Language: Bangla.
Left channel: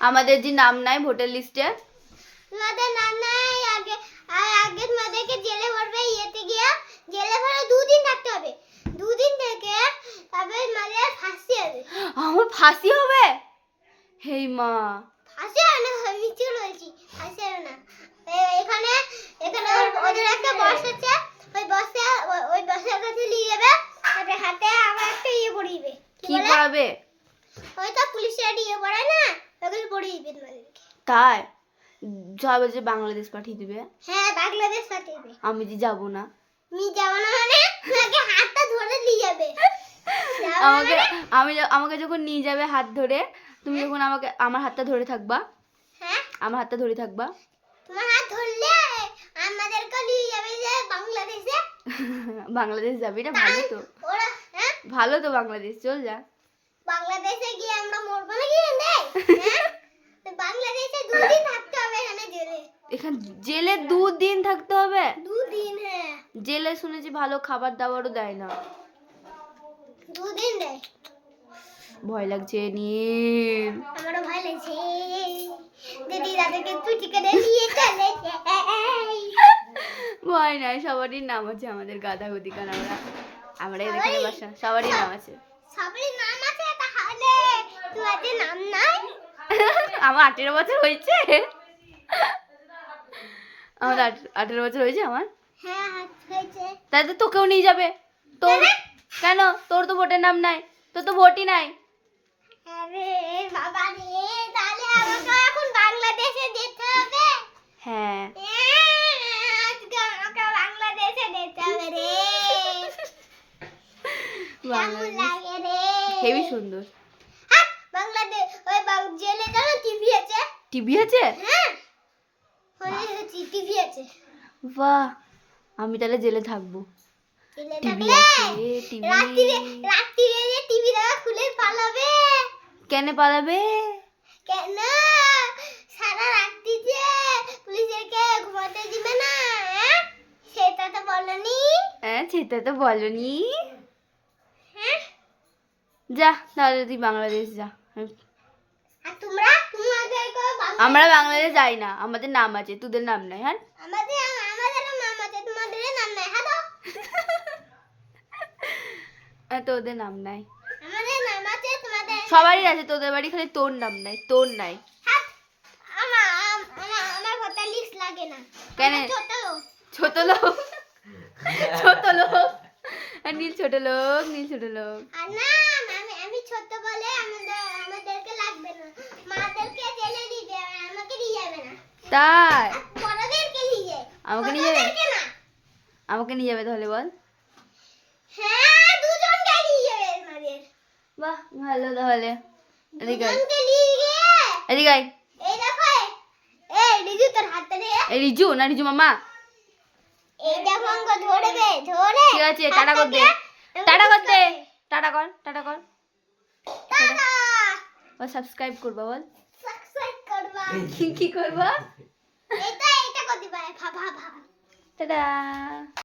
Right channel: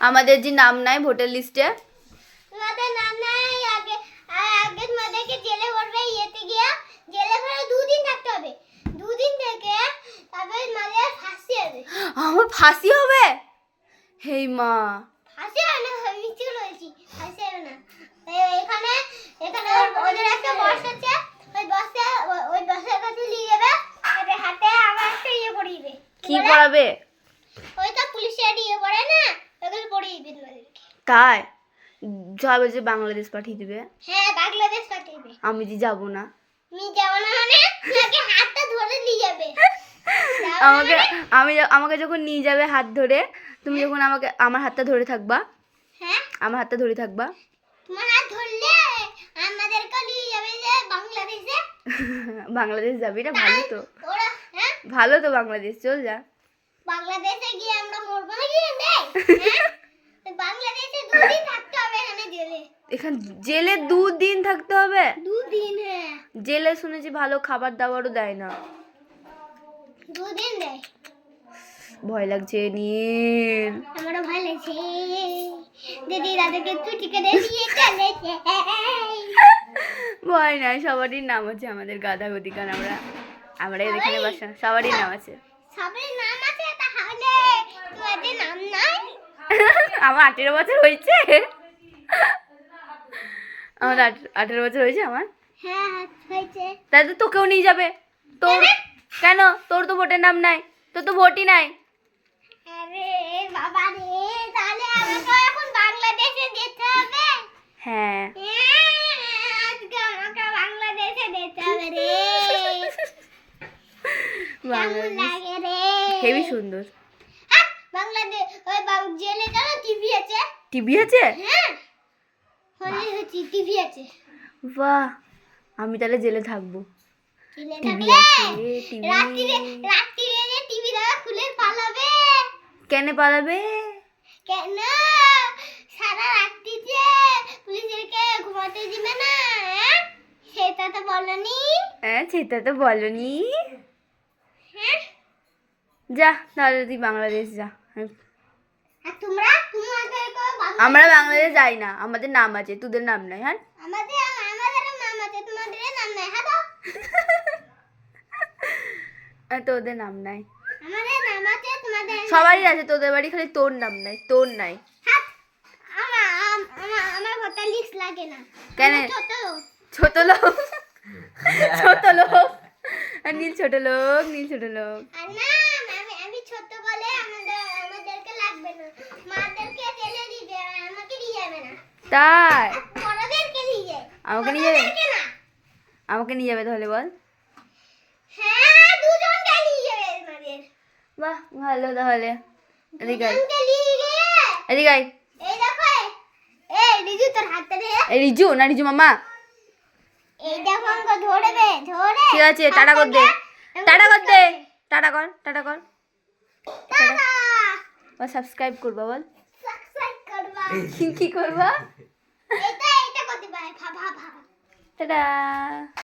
আমাদের যে নাম নাই ভোটার লিস্টে। তোমাদের নাম নাই আগে আর আগে তোমাদেরকে জেলে ভরবে ইয়েতে গিয়া। জেলে ভরে দুদিন থাকতে হবে। দুদিন থেকে তারপরে তোমাদের ফাঁসি হবে। আমার ফাঁসি হবে? হেই মা ফাঁসি হবে না আমি নিচে রয়েছি ফাঁসি হবে না এ- এখানে এখানে ওর- ওদের একটা বস আছে ওই বসে ওই- ওই বসের কাছে নিয়ে যাবে তারপরে হাতে আবার একটা ইয়ে পড়িয়ে কি পড়াবে? ওই তো পুলিশের ইয়ে পড়ে না ওগুলো পড়িয়ে দিবে তোমাদেরকে। তাই? সব যে বাংলাদেশ পাঠিয়ে দিবে? হ্যাঁ বাংলাদেশ পাঠিয়ে আমি যে যাব না। মি যাব না মানে তোমাকে হাতটা ধরে নিয়ে যাবে। আমাকে মানে? আমি আমাকে যখন নিয়ে যাবে হাত ধরে তুমি যখন আমাকে আমার হাতটা ধরে থাকবা? হ্যাঁ? আমার হাতটা ধরে থাকবা? তোমার হাত ধরলে আমাদেরকে নিয়ে যাবে যে বাংলাদেশে। বাংলাদেশ যাবি না ভালো তো। ভালো তো বাংলাদেশ চল যা। বাংলাদেশে গিয়ে আমরা মরবো না কি হ্যাঁ? বাংলাদেশে দুদিন থাকতে হবে এখানে জেলে। এখান জেলে দুদিন থাকতে হবে? দুদিন হ্যাঁ। জেলে শুনেছি ভালো খাবার দাবারও দেয় না। দুদিন দেয়। ভয় লাগছে নীল আমারও ভয় লাগছে। দিদি দাদাকে তুই টিকে দিয়ে চলেছে ভয় নাই সবারই নাম আছে আমাদের গাধা গদিকান আমরা আমরা এখানে বাসা সবারই নাম আছে। সবারই নাম আছে তাহলে তোমাদের নাম নাই? আমার আঠেরো বছর হয়েছে। আমার আঠ- আঠেরো বছর হয়েছে আমার। হ্যাঁ তাই তো তোকেও নিয়ে যাবে। তোর কেন? তোর তো ভোটের নাম নাই। তোর তো ভোটই নাই। আরে বাবা রে তাহলে আমাকে এখন বাংলাদেশে যেতে হবে হ্যাঁ আজকে আমাকে বাংলাদেশে যেতে হবে রে কেমন বাংলাদেশ। হেবি সুন্দর। বাংলাদেশ ওই জেলে গেল টিভি আছে। টিভি আছে? হ্যাঁ। টিভি আছে। বাহ আমি তাহলে জেলে থাকব। জেলে টিভি আছে টিভি। রাত্রিরে রাত্রিরে যে টিভি দেখা খুলে পালাবে। কেন পালাবে? কেন? সারা রাত্রি যে পুলিশেরকে ঘুমাতে দিবে না হ্যাঁ? সেটা তো বলনি। হ্যাঁ সেটা তো বলনি। হ্যাঁ যা তাহলে তুই বাংলাদেশ যা। আমরা বাংলাদেশ যাই না আমাদের নাম আছে তোদের নাম নাই হ্যাঁ? হ্যাঁ তোদের নাম নাই। সবারই আছে তোদের বাড়ি খালি তোর নাম নাই তোর নাই। না। কেন? ছোট লোক। ছোট লোক? আর নীল ছোট লোক নীল ছোট লোক। ছোট বলে আমাদের আমাদেরকে লাগবে না। মাদেরকে জেলে দিবে আমাকে নিয়ে যাবে না। তাই? বড়দেরকে নিয়ে আমাকে নিয়ে যাবে? আমাকে নিয়ে যাবে তাহলে বল। হ্যাঁ দুজনকে নিয়ে যাবে আমাদের। বাহ ভালো তাহলে। এদিকে আয়। দুজনকে নিয়ে গিয়ে এদিকে এই দেখো এই রিজু তোর হাতে নিয়ে এই রিজু না রিজু মামা? এই দেখো ধরবে ধরে। ঠিক আছে টাটা কর দে। টাটা কর দে। টাটা কর টাটা কর। টাটা ও সাবস্ক্রাইব করব বল। কি কি করবা? এটা এটা করতে পারে ভা ভা ভা। টাটা